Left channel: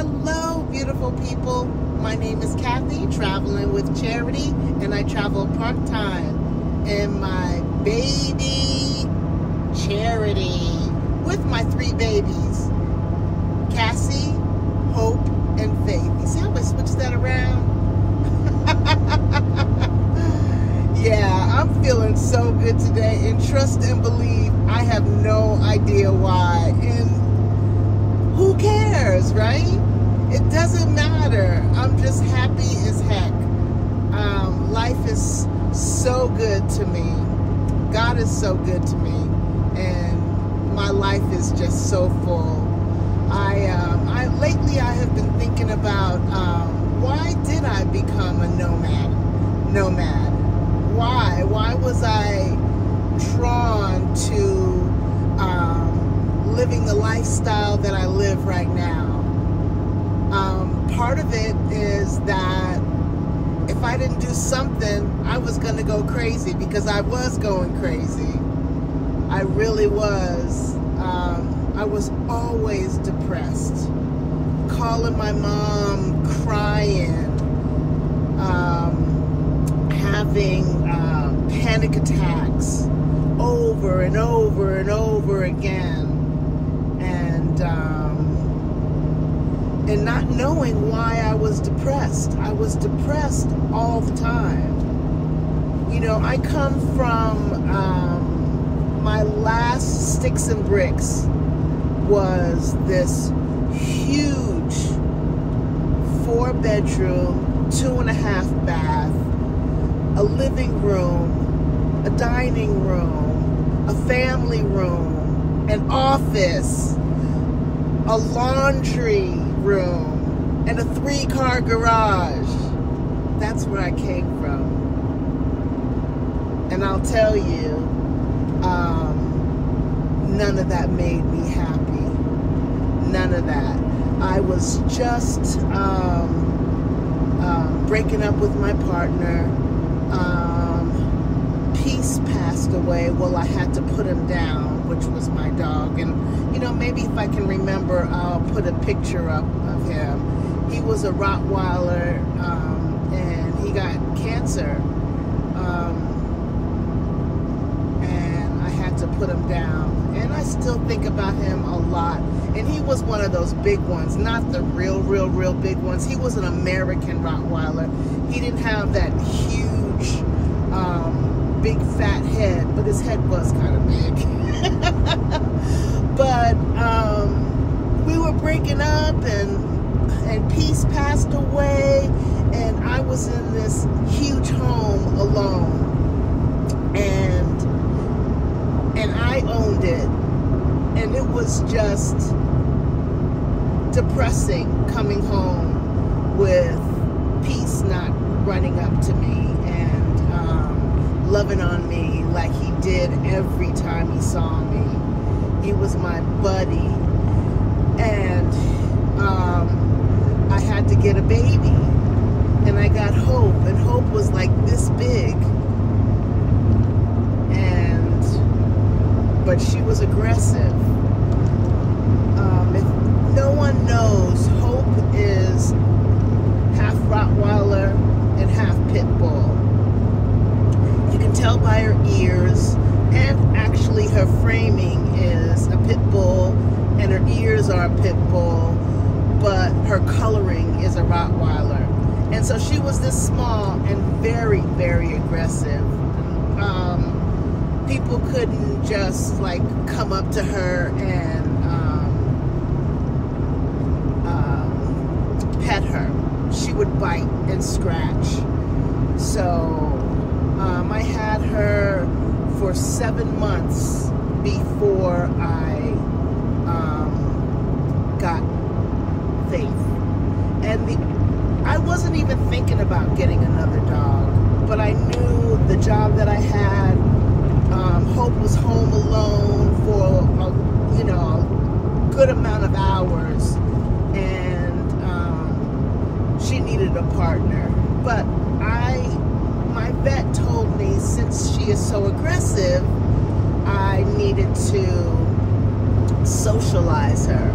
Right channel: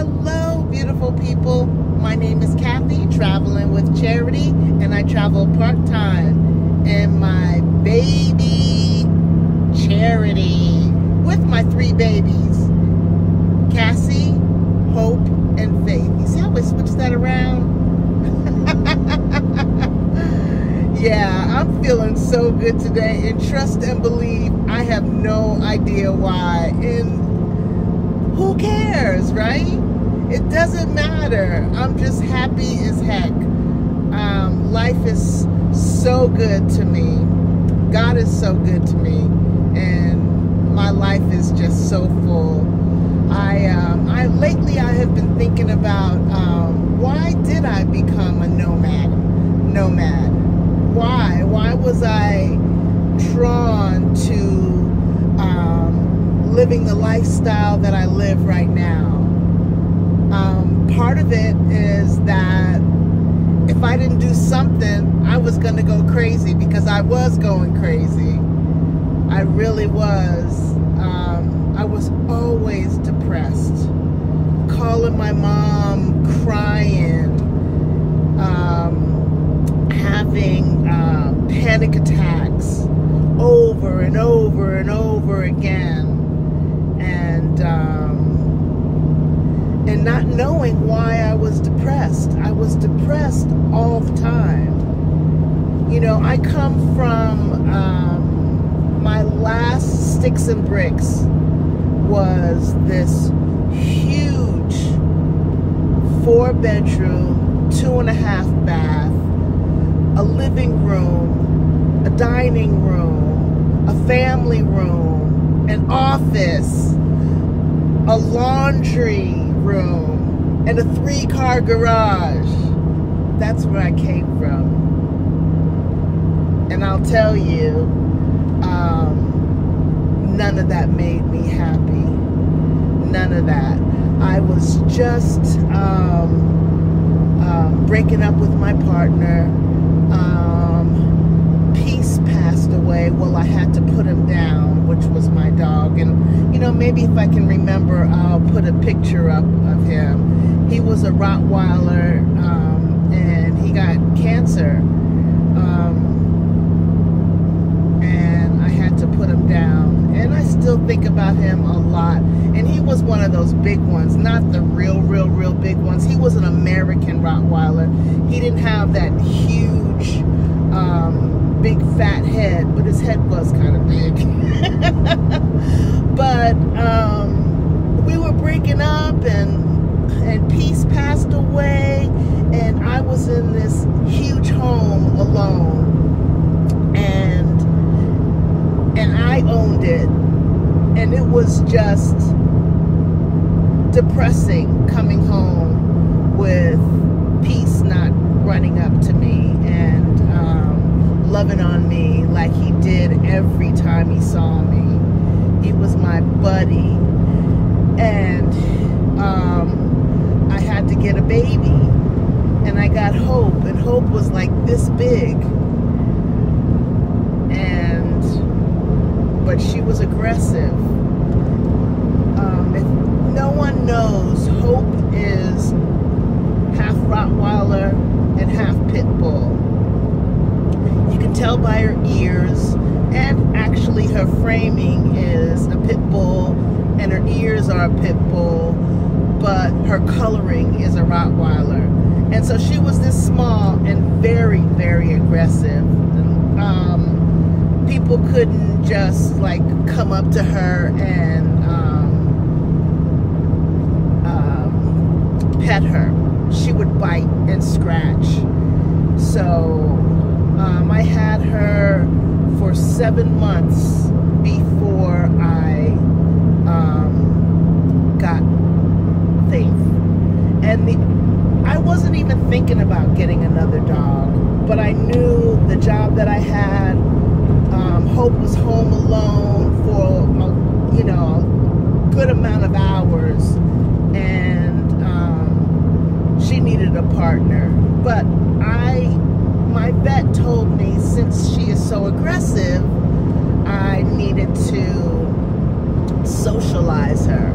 Hello, beautiful people. My name is Kathy, traveling with Charity, and I travel part-time in my baby Charity with my 3 babies, Cassie, Hope, and Faith. You see how I switched that around? Yeah, I'm feeling so good today, and trust and believe, I have no idea why, and who cares, right? It doesn't matter. I'm just happy as heck. Life is so good to me. God is so good to me, and my life is just so full. Lately I have been thinking about why did I become a nomad? Why was I drawn to living the lifestyle that I live right now? Part of it is that if I didn't do something, I was going to go crazy, because I was going crazy. I really was. I was always depressed, calling my mom, crying, having panic attacks over and over and over again, and not knowing why I was depressed. I was depressed all the time. You know, I come from, my last sticks and bricks was this huge 4-bedroom, 2.5 bath, a living room, a dining room, a family room, an office, a laundry room, and a 3-car garage. That's where I came from. And I'll tell you, none of that made me happy. None of that. I was just breaking up with my partner. Peace passed away. Well, I had to put him down, which was my dog. And, you know, maybe if I can remember, I'll put a picture up of him. He was a Rottweiler, and he got cancer. And I had to put him down. And I still think about him a lot. And he was one of those big ones, not the real big ones. He was an American Rottweiler. He didn't have that huge, big fat head, but his head was kind of big. But we were breaking up, and peace passed away, and I was in this huge home alone, and I owned it, and it was just depressing coming home with peace not running up to me and loving on me like he did every time he saw me. He was my buddy, and I had to get a baby, and I got Hope, and Hope was like this big, but she was aggressive. If no one knows, Hope is half Rottweiler and half Pit Bull. You can tell by her ears, and actually her framing is a Pit Bull, and her ears are a Pit Bull, but her coloring is a Rottweiler. And so she was this small and very, very aggressive. People couldn't just like come up to her and pet her. She would bite and scratch. So I had her for 7 months before I got Faith. And I wasn't even thinking about getting another dog, but I knew the job that I had, Hope was home alone for a good amount of hours, and she needed a partner. But my vet told me, since she is so aggressive, I needed to socialize her.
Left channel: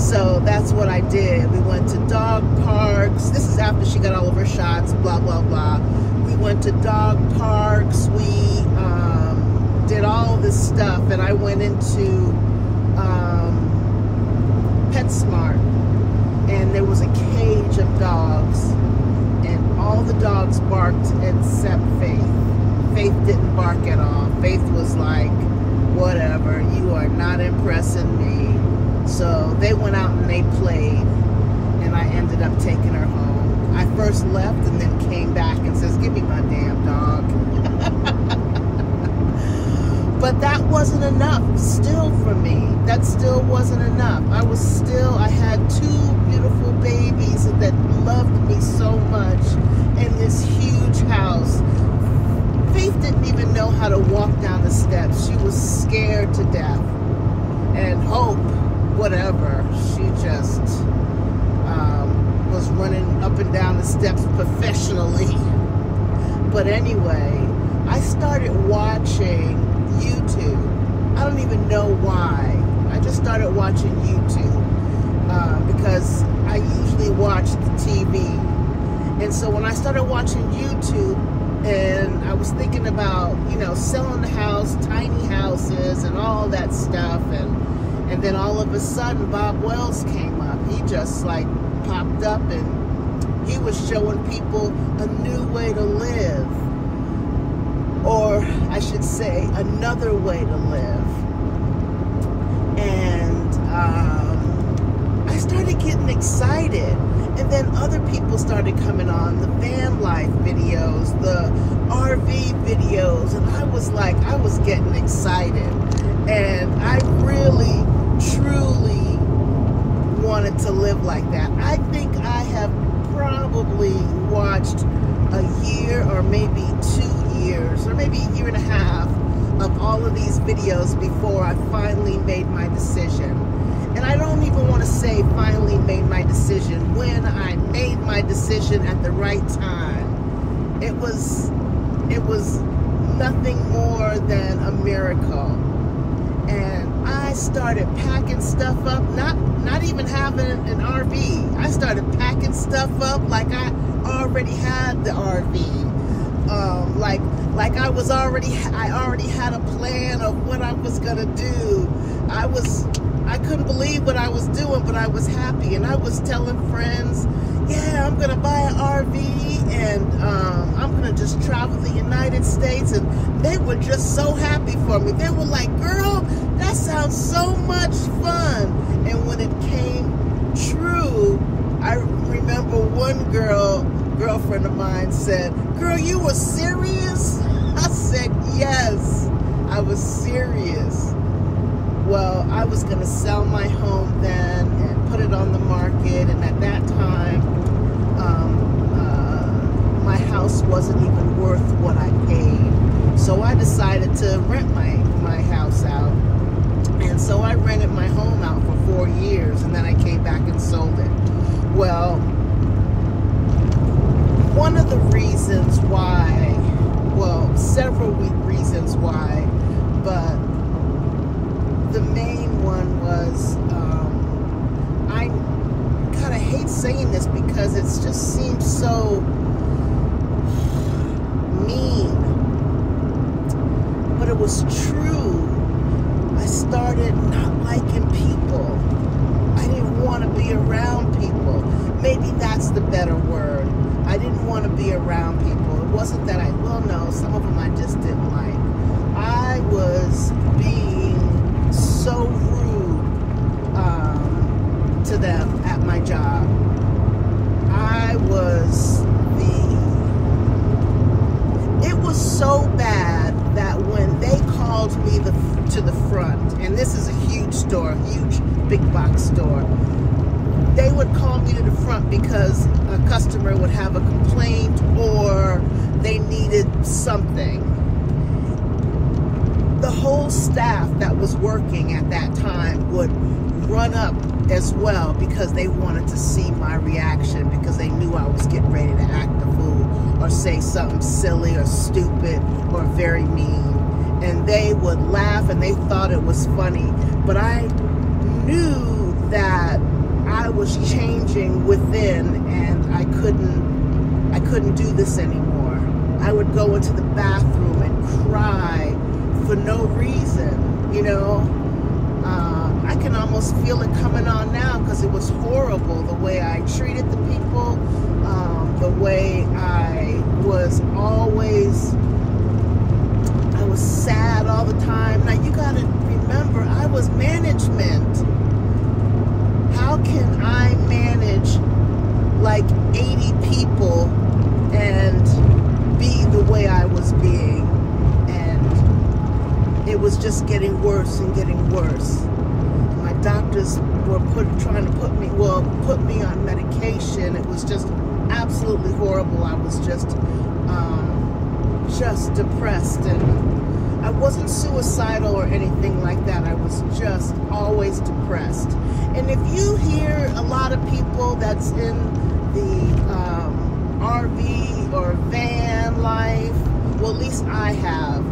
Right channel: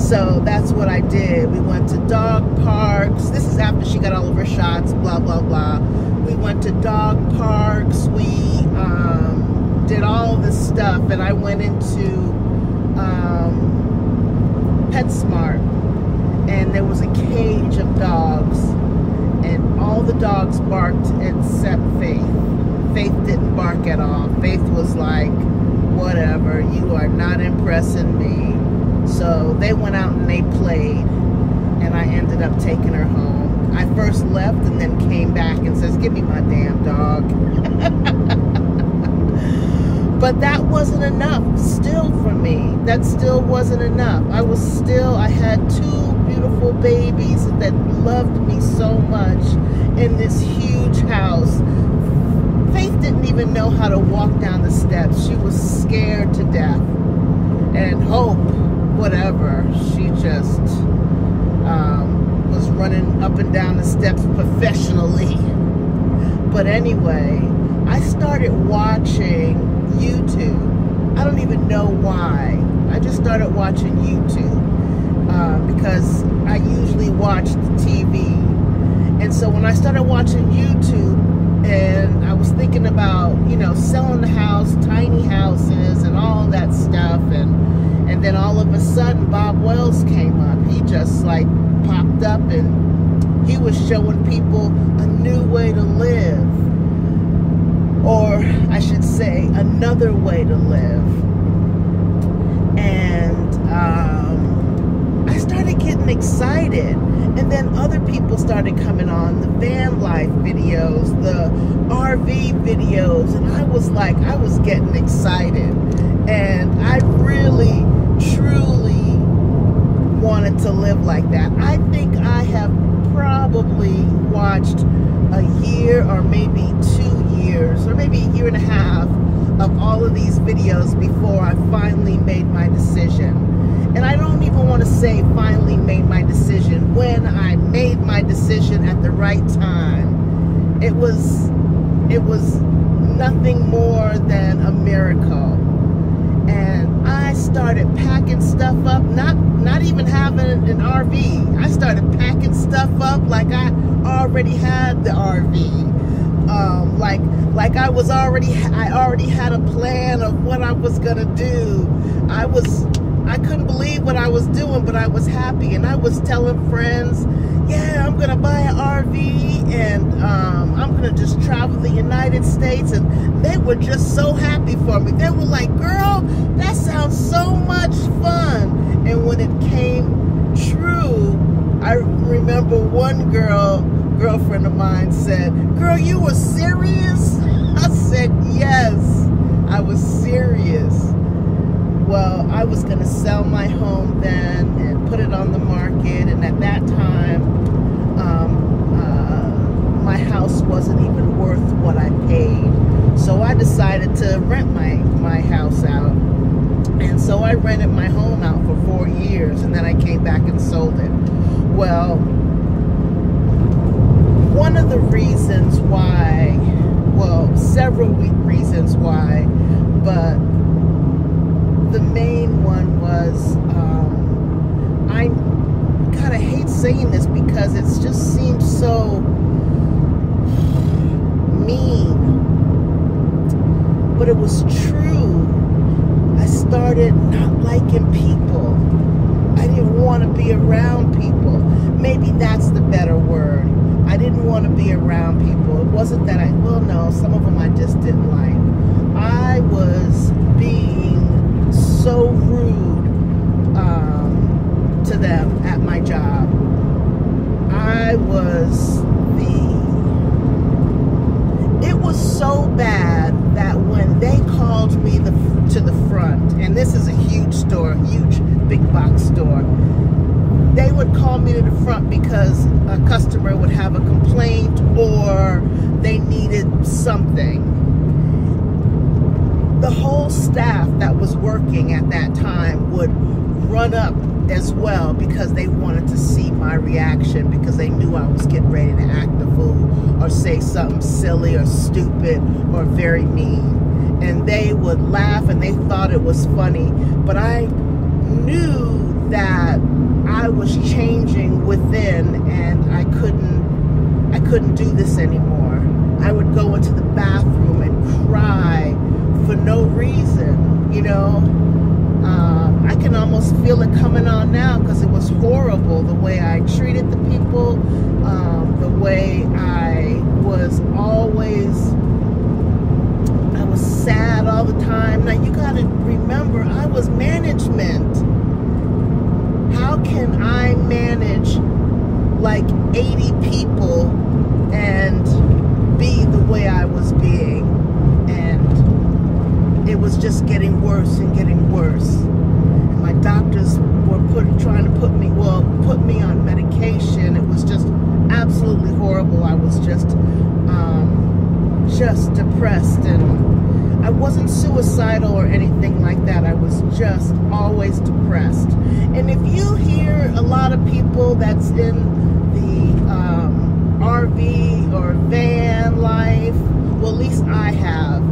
So that's what I did. We went to dog parks. This is after she got all of her shots, blah, blah, blah. We went to dog parks. We did all this stuff. And I went into PetSmart. And there was a cage of dogs. And all the dogs barked except Faith. Faith didn't bark at all. Faith was like, whatever, you are not impressing me. So they went out and they played, and I ended up taking her home. I first left and then came back and says, give me my damn dog. But that wasn't enough still for me. That still wasn't enough. I had two beautiful babies that loved me so much in this huge house. Faith didn't even know how to walk down the steps. She was scared to death. And Hope, whatever, she just was running up and down the steps professionally. But anyway, I started watching YouTube. I don't even know why. I just started watching YouTube because I usually watch the TV. And so when I started watching YouTube, and I was thinking about, you know, selling the house, tiny houses, and all that stuff. And then all of a sudden, Bob Wells came up. He just, like, popped up, and he was showing people a new way to live. Or, I should say, another way to live. And I started getting excited. And then other people started coming on, the van life videos, the RV videos, and I was getting excited. And I really, truly wanted to live like that. I think I have probably watched a year or maybe 2 years, or maybe a year and a half of all of these videos before I finally made my decision. And I don't even want to say finally made my decision. When I made my decision at the right time, it was nothing more than a miracle. And I started packing stuff up, not even having an RV. I started packing stuff up like I already had the RV. Like I already had a plan of what I was gonna do. I couldn't believe what I was doing, but I was happy. And I was telling friends, yeah, I'm going to buy an RV, and I'm going to just travel the United States. And they were just so happy for me. They were like, girl, that sounds so much fun. And when it came true, I remember one girlfriend of mine said, girl, you were serious? I said, yes, I was serious. Well, I was going to sell my home then and put it on the market, and at that time, my house wasn't even worth what I paid. So I decided to rent my house out. And so I rented my home out for 4 years, and then I came back and sold it. Well, one of the reasons why, well, several reasons why, but the main one was, I hate saying this because it just seems so mean, but it was true. I started not liking people. I didn't want to be around people. Maybe that's the better word. I didn't want to be around people. It wasn't that well, no, some of them I just didn't like. I was being so rude to them at my job. It was so bad that when they called me to the front, and this is a huge store, huge big box store, they would call me to the front because a customer would have a complaint or they needed something. The whole staff that was working at that time would run up as well because they wanted to see my reaction, because they knew I was getting ready to act a fool or say something silly or stupid or very mean. And they would laugh and they thought it was funny, but I knew that I was changing within, and I couldn't do this anymore. I would go into the bathroom and cry for no reason, you know. I can almost feel it coming on now because it was horrible, the way I treated the people, the way I was sad all the time. Now you gotta remember, I was management. How can I manage like 80 people and be the way I was being? And it was just getting worse and getting worse. My doctors were trying to put me on medication. It was just absolutely horrible. I was just depressed, and I wasn't suicidal or anything like that. I was just always depressed. And if you hear a lot of people that's in the RV or van life, well, at least I have,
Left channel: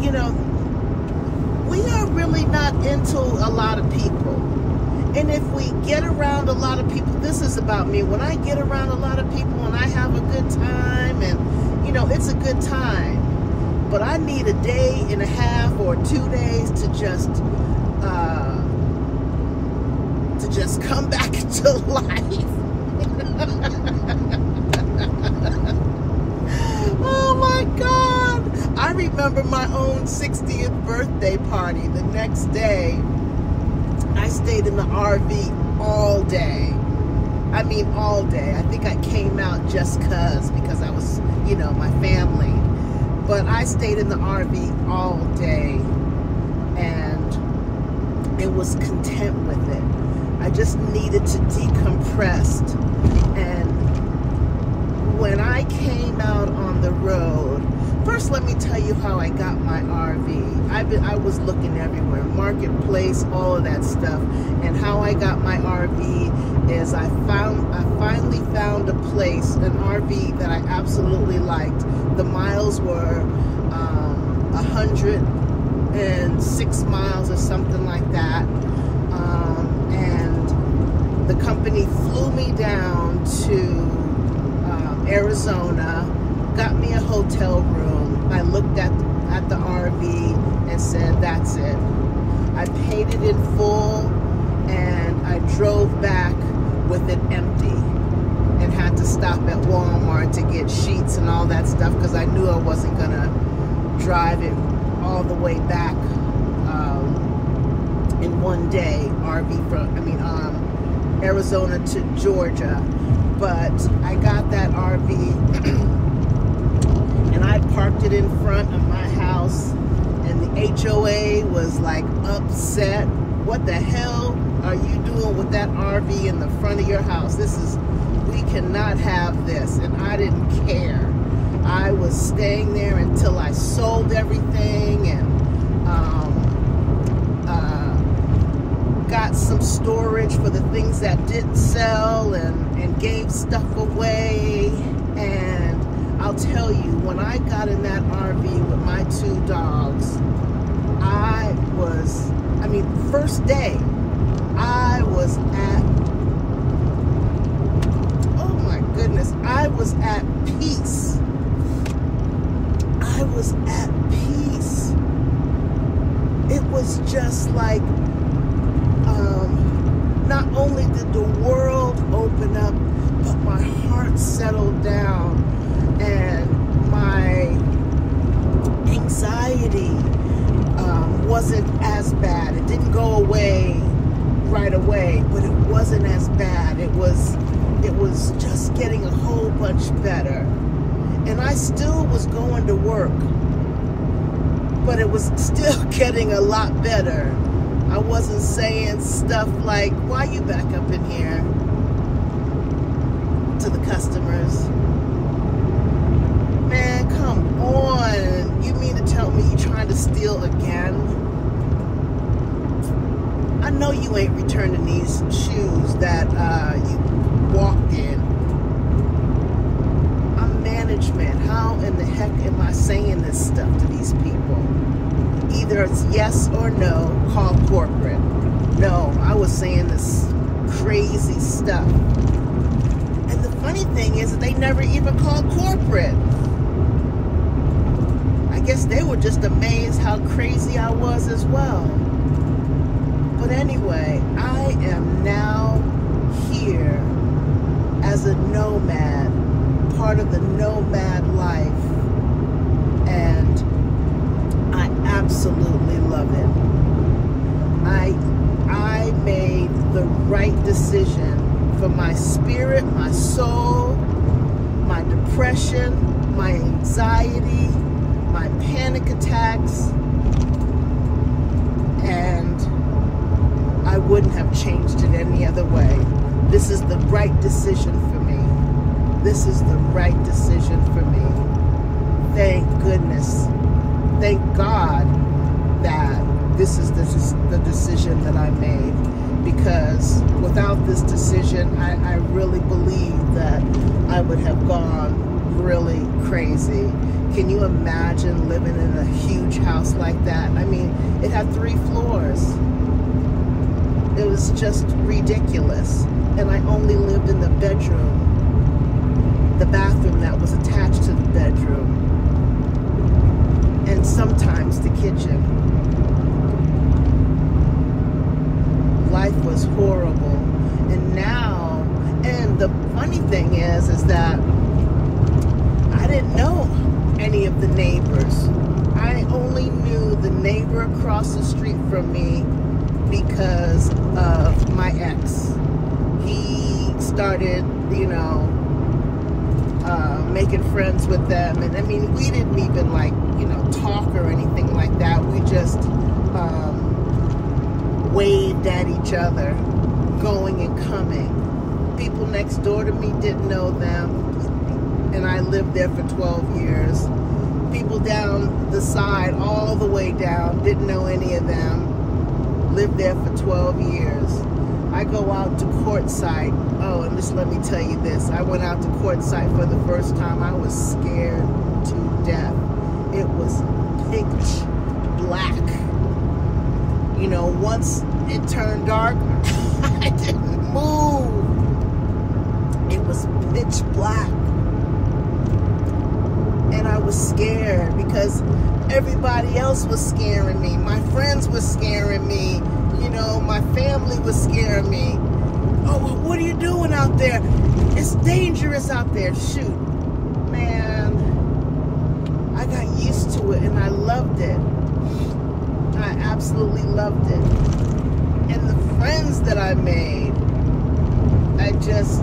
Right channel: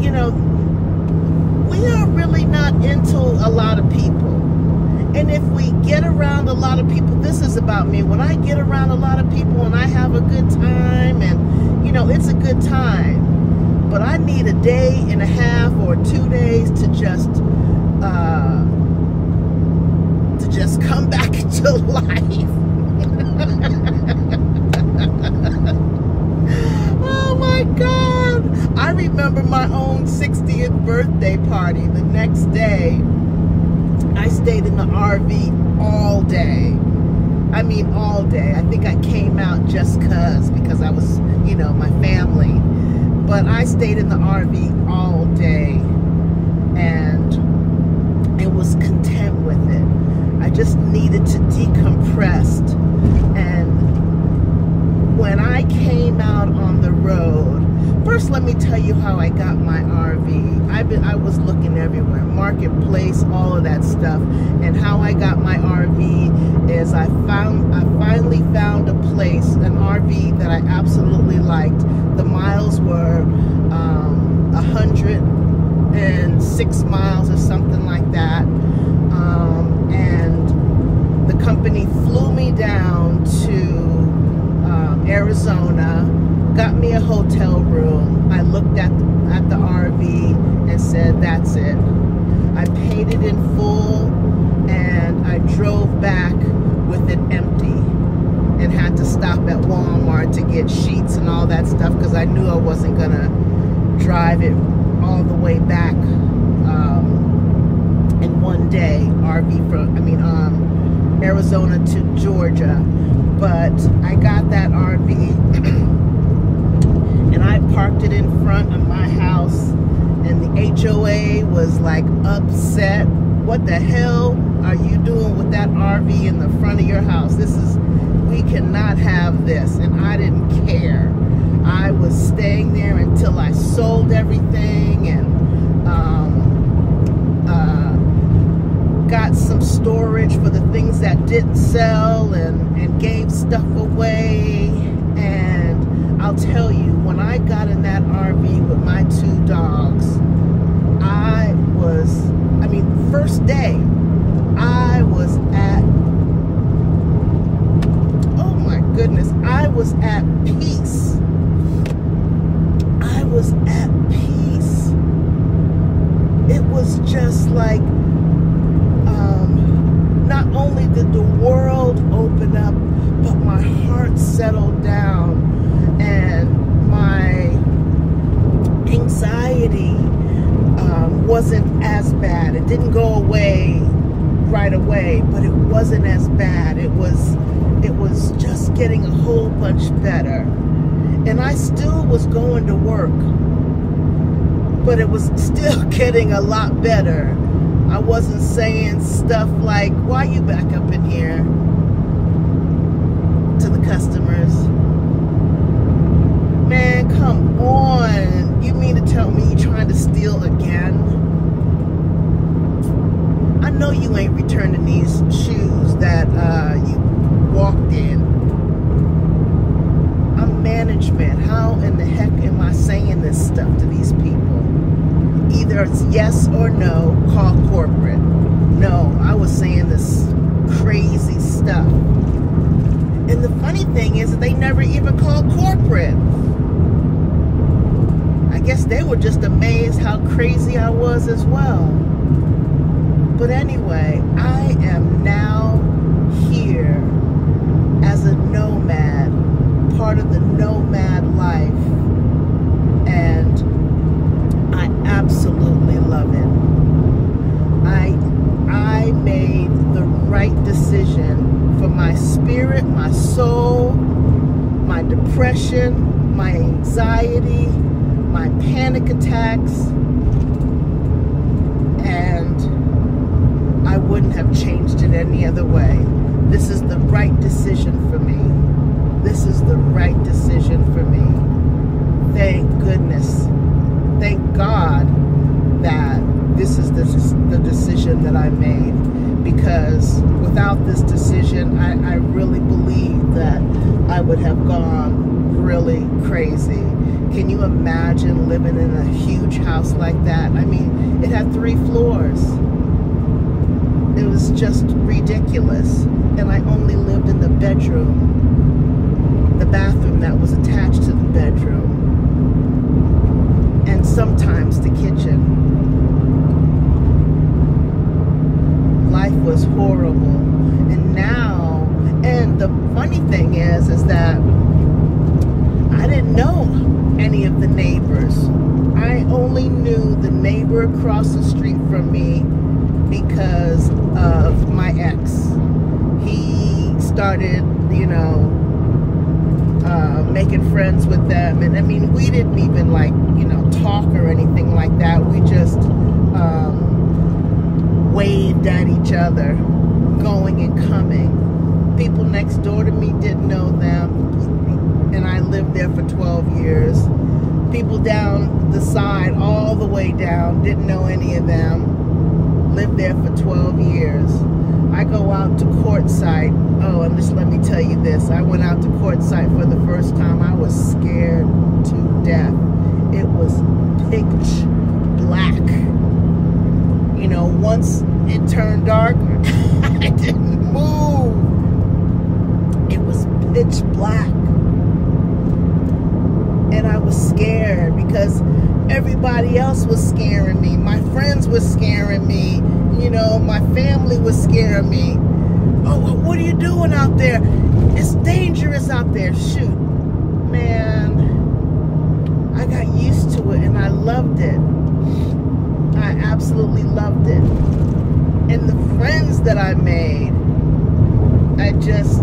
you know, we are really not into a lot of people. And if we get around a lot of people, this is about me. When I get around a lot of people and I have a good time, and, you know, it's a good time. But I need a day and a half or 2 days to just come back to life. Oh my God. I remember my own 60th birthday party. The next day, I stayed in the RV all day. I mean, all day. I think I came out just because I was, you know, my family. But I stayed in the RV all day and I was content with it. I just needed to decompress. And when I came out on the road, first let me tell you how I got my RV. I was looking everywhere, Marketplace, all of that stuff. And how I got my RV is I finally found a place, an RV that I absolutely liked. The miles were 106 miles or something like that. And the company flew me down to Arizona, got me a hotel room. I looked at the RV and said, that's it. I paid it in full, and I drove back with it empty and had to stop at Walmart to get sheets and all that stuff because I knew I wasn't gonna drive it all the way back in one day, Arizona to Georgia. But I got that RV and I parked it in front of my house, and the HOA was like upset. What the hell are you doing with that RV in the front of your house? We cannot have this. And I didn't care. I was staying there until I sold everything and got some storage for the things that didn't sell, and gave stuff away. And I'll tell you, when I got in that RV with my 2 dogs, first day, I was at, oh my goodness, I was at peace. I was at peace. It was just like, not only did the world open up, but my heart settled down, and my anxiety wasn't as bad. It didn't go away right away, but it wasn't as bad. It was just getting a whole bunch better. And I still was going to work, but it was still getting a lot better. I wasn't saying stuff like, why you back up in here, to the customers. Man, come on. You mean to tell me you're trying to steal again? I know you ain't returning these shoes that you walked in. I'm management. How in the heck am I saying this stuff to these people? either it's yes or no, call corporate. No, I was saying this crazy stuff. And the funny thing is that they never even called corporate. I guess they were just amazed how crazy I was as well. But anyway, I am now here as a nomad, part of the nomad life, and I absolutely love it. I made the right decision for my spirit, my soul, my depression, my anxiety, my panic attacks, and I wouldn't have changed it any other way. This is the right decision for me. This is the right decision for me. Thank goodness. Thank God that this is the decision that I made. Because without this decision, I really believe that I would have gone really crazy. Can you imagine living in a huge house like that? I mean, it had 3 floors. It was just ridiculous. And I only lived in the bedroom, the bathroom that was attached to the bedroom, and sometimes the kitchen. Life was horrible. And now, and the funny thing is that I didn't know any of the neighbors. I only knew the neighbor across the street from me because of my ex. He started, you know, making friends with them. And I mean, we didn't even like, you know, talk or anything like that. We just waved at each other, going and coming. People next door to me didn't know them, and I lived there for 12 years. People down the side, all the way down, didn't know any of them. Lived there for 12 years. I go out to Quartzsite. Oh, and just let me tell you this. I went out to Quartzsite for the first time. I was scared to death. It was pitch black. You know, once it turned dark, I didn't move. It was pitch black. And I was scared because everybody else was scaring me. My friends were scaring me. You know, my family was scaring me. Oh, what are you doing out there? It's dangerous out there. Shoot. Man, I got used to it and I loved it. I absolutely loved it. And the friends that I made, I just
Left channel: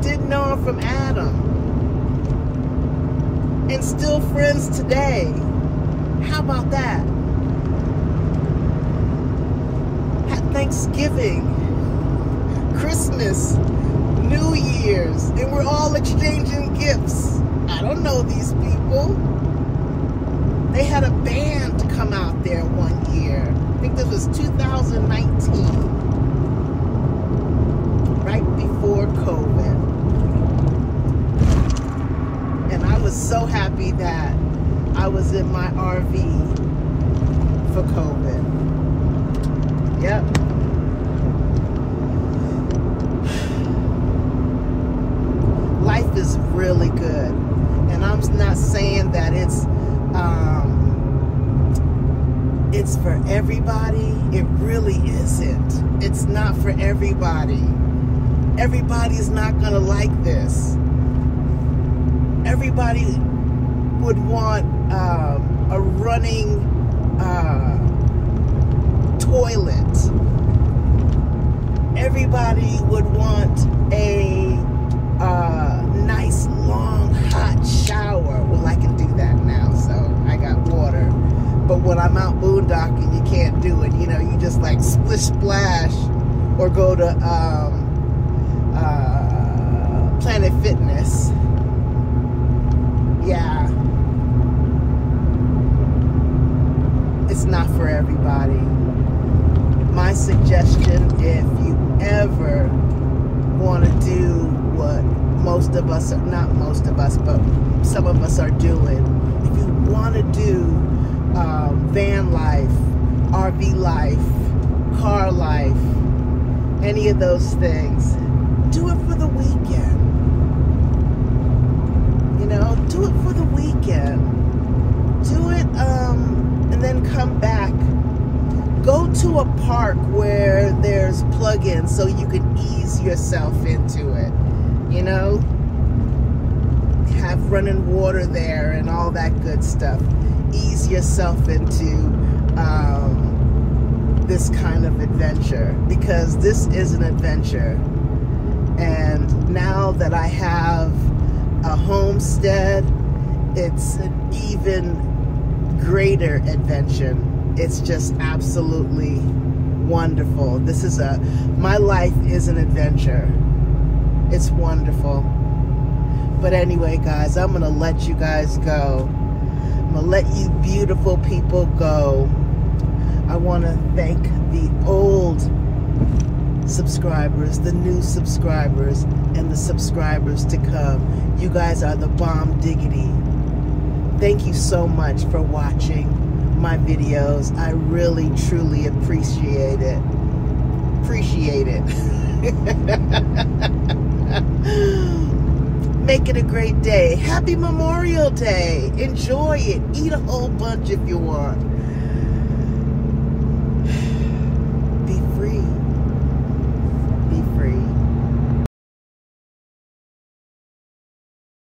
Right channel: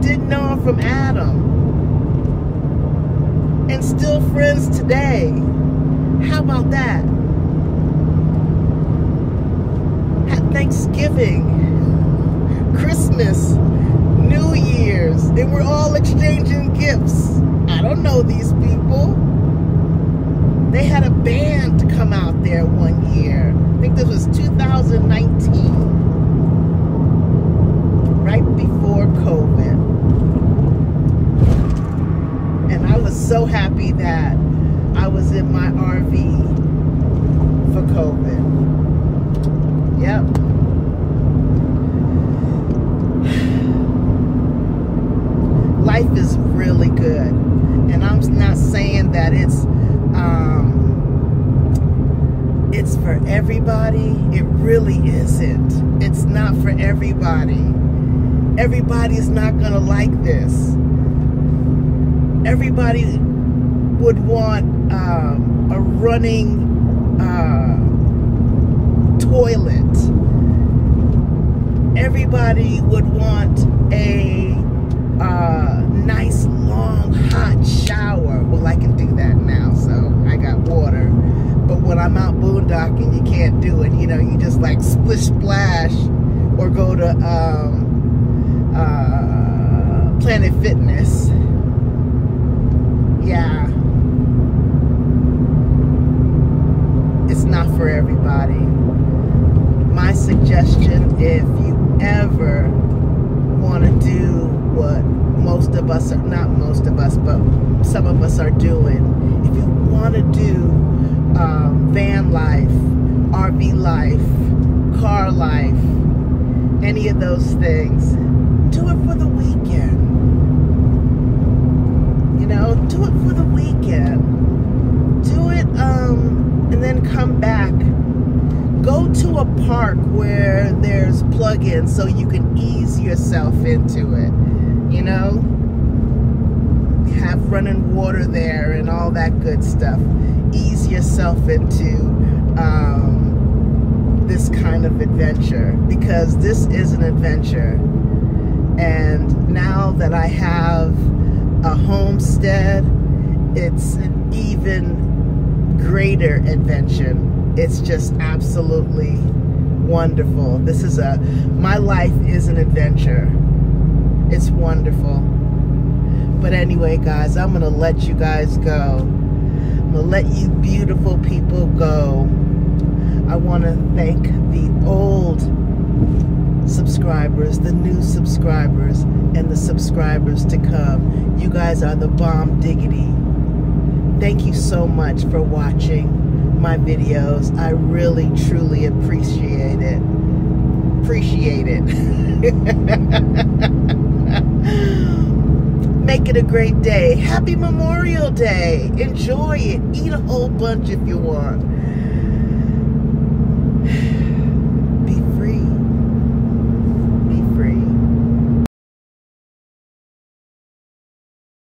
didn't know them from Adam. And still friends today. How about that? At Thanksgiving, Christmas, New Year's, and we're all exchanging gifts. I don't know these people. They had a band to come out there one year. I think this was 2019. Right before COVID. And I was so happy that I was in my RV for COVID. Yep. Life is really good. And I'm not saying that it's for everybody. It really isn't. It's not for everybody. Everybody's not gonna like this. Everybody would want a running toilet. Everybody would want a nice long hot shower. Well, I can do that now, so I got water. But when I'm out boondocking, you can't do it. You know, you just like splish splash or go to Planet Fitness. Yeah. It's not for everybody. My suggestion, if you ever want to do what most of us, not most of us, but some of us are doing, if you want to do van life, RV life, car life, any of those things, do it for the weekend. You know, do it for the weekend. Do it, and then come back. Go to a park where there's plug-ins so you can ease yourself into it. You know, have running water there and all that good stuff. Ease yourself into this kind of adventure, because this is an adventure. And now that I have a homestead, it's an even greater adventure. It's just absolutely wonderful. This is my life is an adventure. It's wonderful. But anyway, guys, I'm gonna let you guys go. I'm gonna let you beautiful people go. I want to thank the old subscribers, the new subscribers, and the subscribers to come. You guys are the bomb diggity. Thank you so much for watching my videos. I really, truly appreciate it. Make it a great day. Happy Memorial Day. Enjoy it. Eat a whole bunch if you want.